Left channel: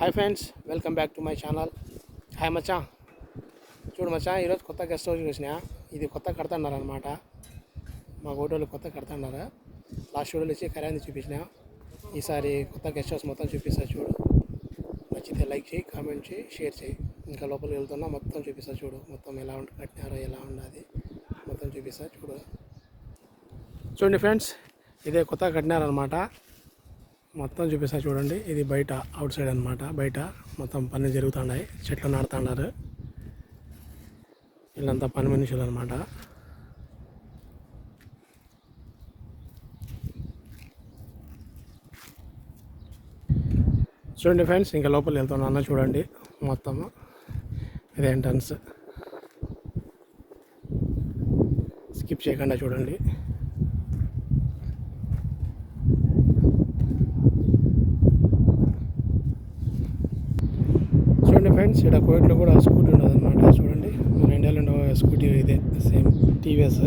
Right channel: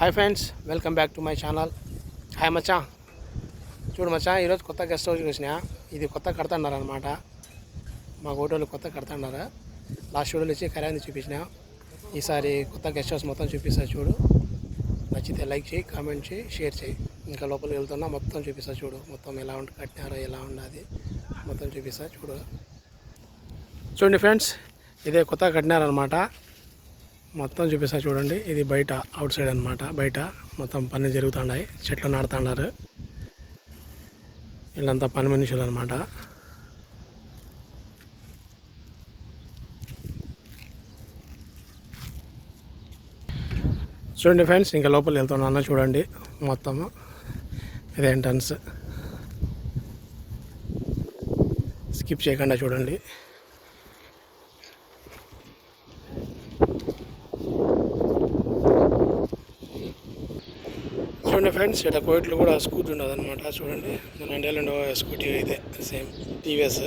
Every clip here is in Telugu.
Hi friends, welcome back to my channel. Hi మచ్చా. చూడు మచ్చా, ఈరోజు కొత్త గెస్ట్ హౌస్ చూసినా. ఇది కొత్త కడుతున్నారు అనమాట. మా ఓటోళ్ళు కొత్త కడుతున్నారు. లాస్ట్ వీడియోలో వచ్చి కళ్యాణి చూపించిన. ఈసారి కొత్త గెస్ట్ హౌస్ మొత్తం చూపిస్తా చూడు. నచ్చితే లైక్ చేయి, కామెంట్ చేయి, షేర్ చేయి. ఇంకా లోపలికి వెళ్తున్నా మొత్తం చూపిస్తా చూడు. మొత్తం ఎలా కట్టినారో ఎలా ఉన్నది మొత్తం చూపిస్తా చూడు. చూడండి ఫ్రెండ్స్, ఇదే కొత్త కట్టినారనమాట. మొత్తం చూపిస్తా చూడండి. ఇది బయట అవుట్ సైడ్ అనమాట. బయట మొత్తం పని జరుగుతున్నాయి. చెట్లు నాడుతున్నారు. వీళ్ళంతా పని మనుషులు అనమాట. చూడండి ఫ్రెండ్స్, ఇంకా లోపల వెళ్తున్నాను చూడండి. మొత్తము ఇది ఎంట్రన్స్. స్కిప్ చేయకుండా చూడండి. చూడండి ఫ్రెండ్స్, ఇక్కడ కోయిట్లో కూడా స్కూటీ ఉండదు అనమాట. చూడండి, మన ఇండియాలో ఉండే స్కూటీ ఇదే సేమ్ టీవీఎస్.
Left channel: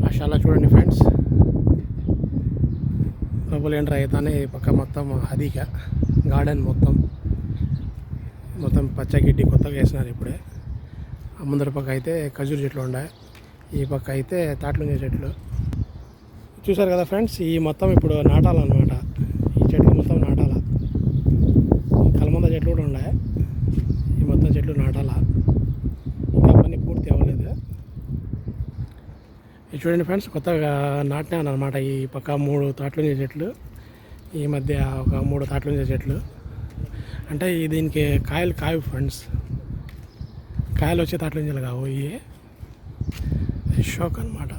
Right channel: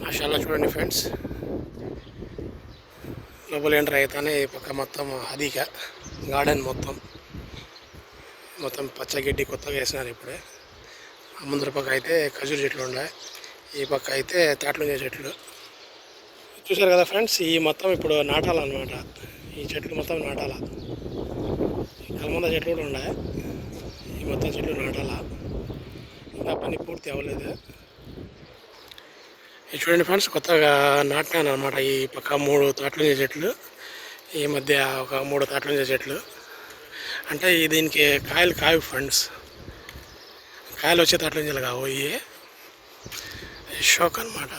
మాషాల్లా చూడండి ఫ్రెండ్స్, లోపల ఎంటర్ అవుతానే ఈ పక్క మొత్తం అదిక గార్డెన్ మొత్తం పచ్చగడ్డి కొత్తగా వేసినారు ఇప్పుడే. ముందర పక్క అయితే ఖజూర్ చెట్లు ఉన్నాయి. ఈ పక్క అయితే తాట్లుంజ చెట్లు. చూశారు కదా ఫ్రెండ్స్, ఈ మొత్తం ఇప్పుడు నాటాలన్నమాట. ఈ చెట్లు మొత్తం నాటాల. ఈ కలమంద చెట్లు కూడా ఉన్నాయి. ఈ మొత్తం చెట్లు నాటాల. ఇంకా పని పూర్తి అవ్వలేదు. ఇది చూడండి ఫ్రెండ్స్, కొత్తగా నాటినాను అనమాట. ఈ పక్క 3 తాట్లుంజ చెట్లు, ఈ మధ్య ఒక 3 తాట్లుంజ చెట్లు. అంటే దీనికి కాయలు కావు ఫ్రెండ్స్. కాయలు వచ్చే తాట్లుంజలు కావు. ఇవి షోక్ అనమాట.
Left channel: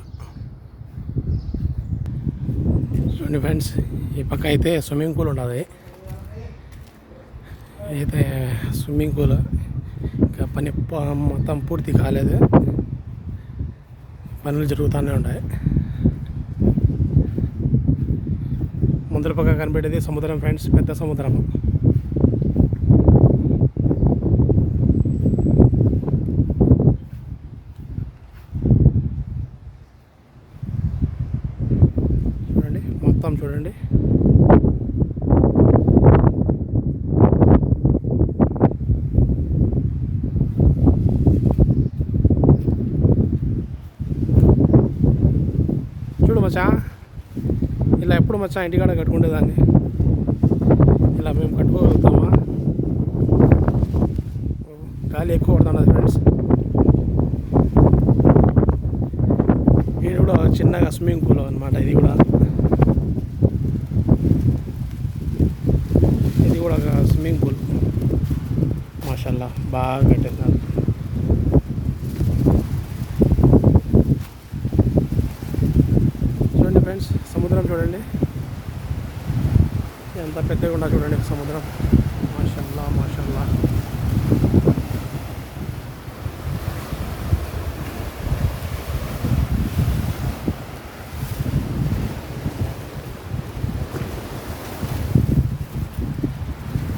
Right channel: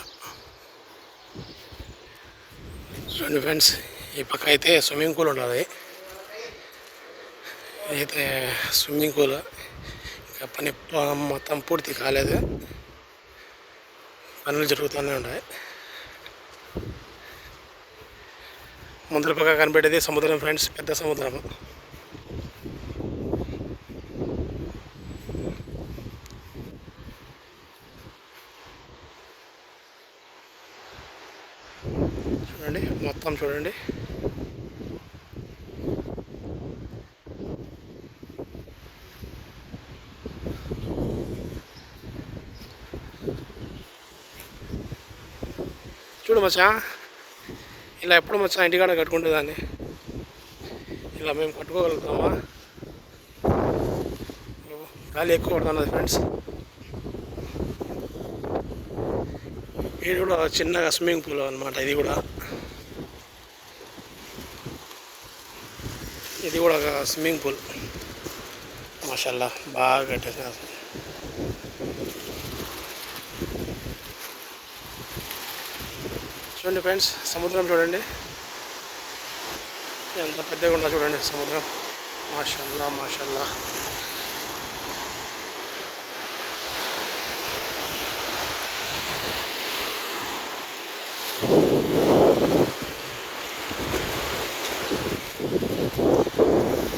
చూడండి ఫ్రెండ్స్, ఈ పక్క అయితే స్విమ్మింగ్ పూల్ ఉంటుంది. అయితే స్విమ్మింగ్ పూల్ ఇంకా పని మొత్తం పూర్తి కాలేదు. పనులు జరుగుతూనే ఉంటాయి. ముందర పక్క కనిపెట్టేది సముద్రం ఫ్రెండ్స్, పెద్ద సముద్రం. చూడండి మొత్తం చూడండి. చూడు మచ్చా, ఇలా ఎప్పుడు మచ్చా ఇంటికాడ కట్టుకుంటేదాన్ని ఇలా మేము కట్టుకోగలుగుతామా? గాలి ఎక్కువ పడుతున్నది ఫ్రెండ్స్. ఇది కూడా చిన్నగా స్విమ్మింగ్ పూల్ అనమాట. ఇది కూడా ఒక స్విమ్మింగ్ పూల్. మాషాల్లా బాగా కట్టేసినారు. చూడండి ఫ్రెండ్స్, సముద్రం చూడండి ఎంత పెద్దగా ఉందో చూడండి సముద్రం. మాషాల్లా మాషాల్లా.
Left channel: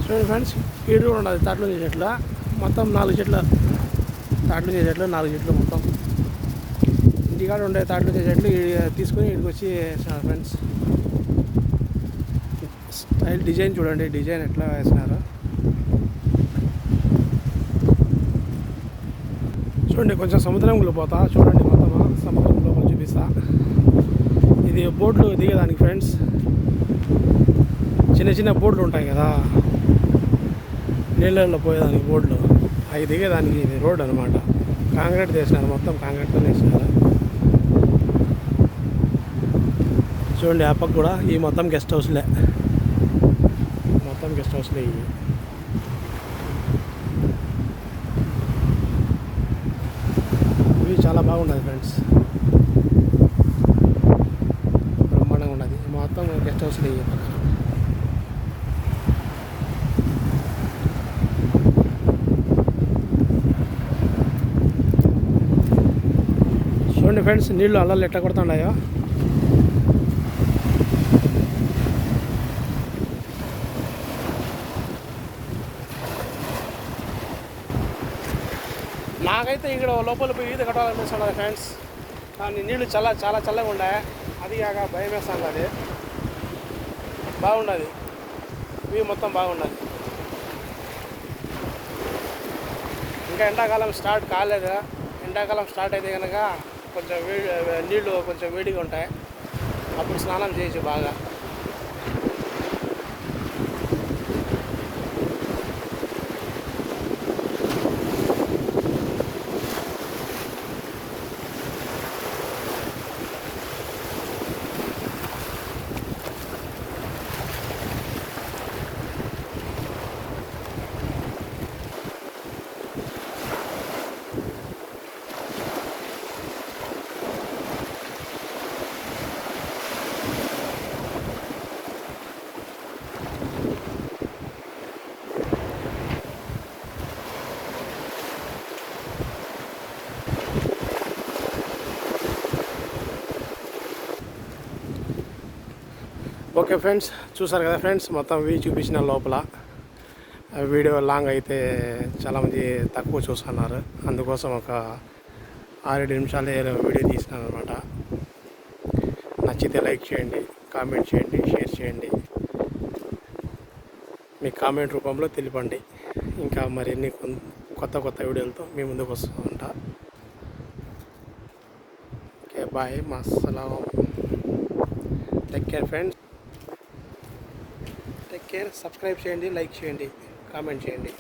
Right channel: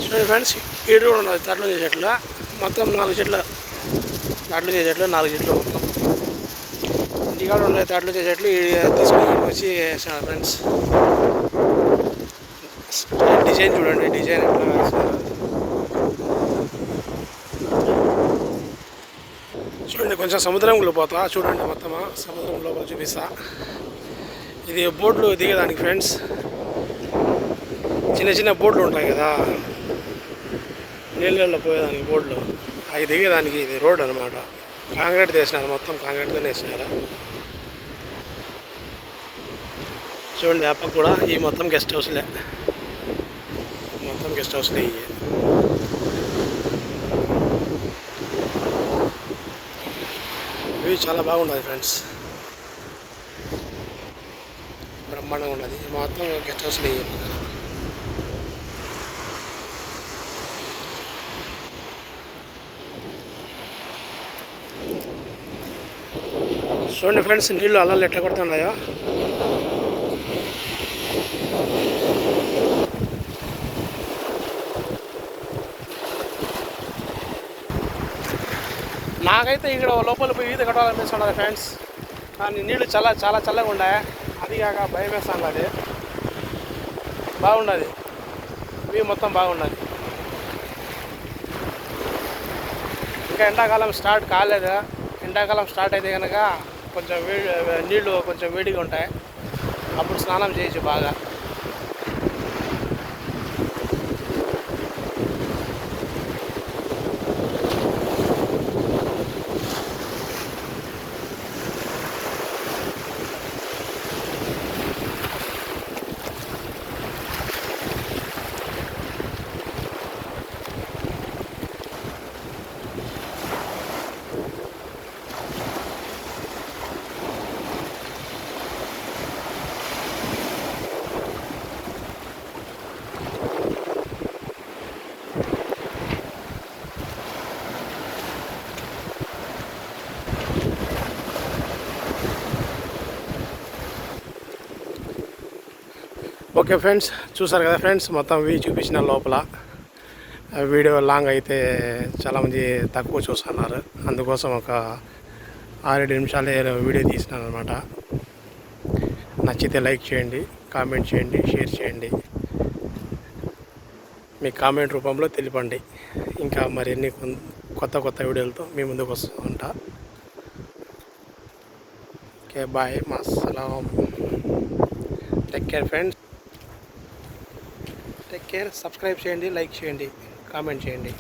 చూడండి ఫ్రెండ్స్, ఈడు కూడా ఉన్నది తాట్లుంజ చెట్లు. మొత్తం 4 చెట్లు తాట్లుంజ చెట్లు, 4 చెట్లు మొత్తం. ఇంటికాడ ఉండే తాట్లుంజ చెట్లు తీసుకొని వచ్చి వేసినారు ఫ్రెండ్స్. డిజైన్ చూడండి, డిజైన్ ఎట్లా వేసినారు చూడండి. కొంచెం సముద్రంలో పోతా చూడండి. మొత్తం సముద్రం లోపల చూపిస్తా. ఇది బోట్లు దిగేదానికి ఫ్రెండ్స్. చిన్న బోట్లు ఉంటాయి కదా నీళ్ళల్లో పోయేదానికి బోట్లు, అవి దిగేదానికి ఇది రోడ్ అనమాట. కాంక్రీట్ వేసినారు, మొత్తం కాంక్రీట్తోనే వేసినారు. చూడండి ఆ పక్క కూడా ఈ మొత్తం గెస్ట్ హౌస్లే. ఇవి చాలా బాగున్నది ఫ్రెండ్స్, బ్రహ్మాండంగా ఉన్నది. మొత్తం గెస్ట్ హౌస్లే ఇవి పక్కన. చూడండి ఫ్రెండ్స్, నీళ్ళు అల్లలు ఎట్లా కొడుతున్నాయో. నాకైతే ఇక్కడ లోపల పోయి ఈత కట్టాలనిపిస్తున్నది ఫ్రెండ్స్. కానీ నీళ్ళు చాలా చాలా చల్లగా ఉన్నాయి. అది కాక భయం వేస్తాను. అది బాగుండదు, వ్యూ మొత్తం బాగున్నది. ఇంకా ఎండాకాలం స్టార్ట్ కాలేదు. ఎండాకాలం స్టార్ట్ అయితే కనుక కొంచెం నీళ్ళు కొంచెం వేడిగా ఉంటాయి. అప్పుడు స్నానం చేయొచ్చు బాగా. ఓకే ఫ్రెండ్స్, చూసారు కదా ఫ్రెండ్స్, మొత్తం వ్యూ చూపించిన లోపల. వీడియో లాంగ్ అయితే చాలామంది తక్కువ చూస్తున్నారు. అందుకోసం ఒక 6-7 నిమిషాలే వీడియో తీసినాను అనమాట. నచ్చితే లైక్ చేయండి, కామెంట్ చేయండి, షేర్ చేయండి. మీ కామెంట్ రూపంలో తెలిపండి. ఇంకా మరిన్ని కొత్త వీడియోలతో మీ ముందుకు వస్తూ ఉంటా. ఓకే, బాయ్, మస్సలాం. Take care friends, take care. Subscribe చేయండి, లైక్ చేయండి, కామెంట్ చేయండి.